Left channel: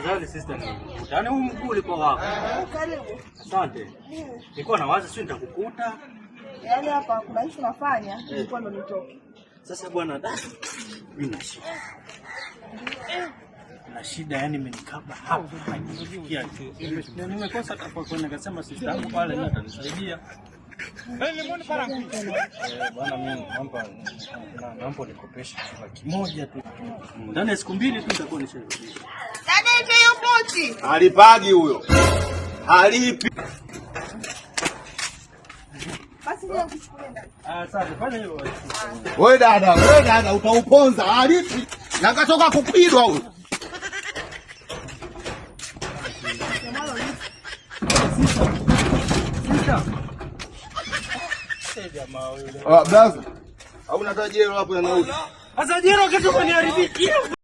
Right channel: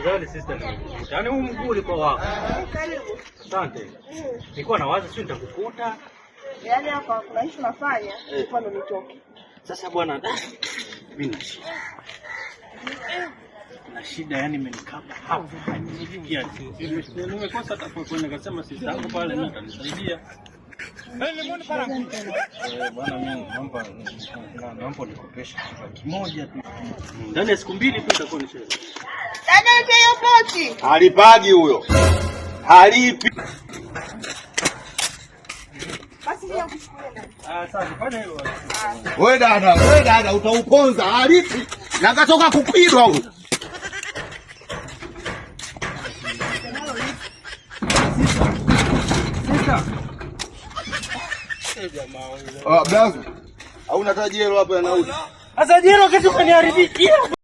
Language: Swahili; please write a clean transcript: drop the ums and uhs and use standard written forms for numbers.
Tafadhali sister, yaani huu mguu ulikuwa wako. Karibu. Asante. Nilikuwa nawaza sio nitakukuta. Yaani hapa kuna hicho nafanya, nilikuwa ndo nitoke. Sasa bwana, mimi na shida yani imenikaba hapa. Nimekosa hata kwa kwenda nikasema sister yangu pale na atanisaidia. Lemoni parangu. Bwana mimi naomba nikopeshe kitu kimoja tu. Ndani ya siku mbili tu nitakuwa nisharudi. Dada yake hiyo pochi. Alipagi huyo. Halipi. Basi leo kushukuru. Asante, fanya hilo. Wewe dada utauponza halipi. Na katoka kupigwa huyo. Jamaa wewe. Blaza. Hauna tajero hapo ya nauli. Sasa jero kitu kaniharibiki.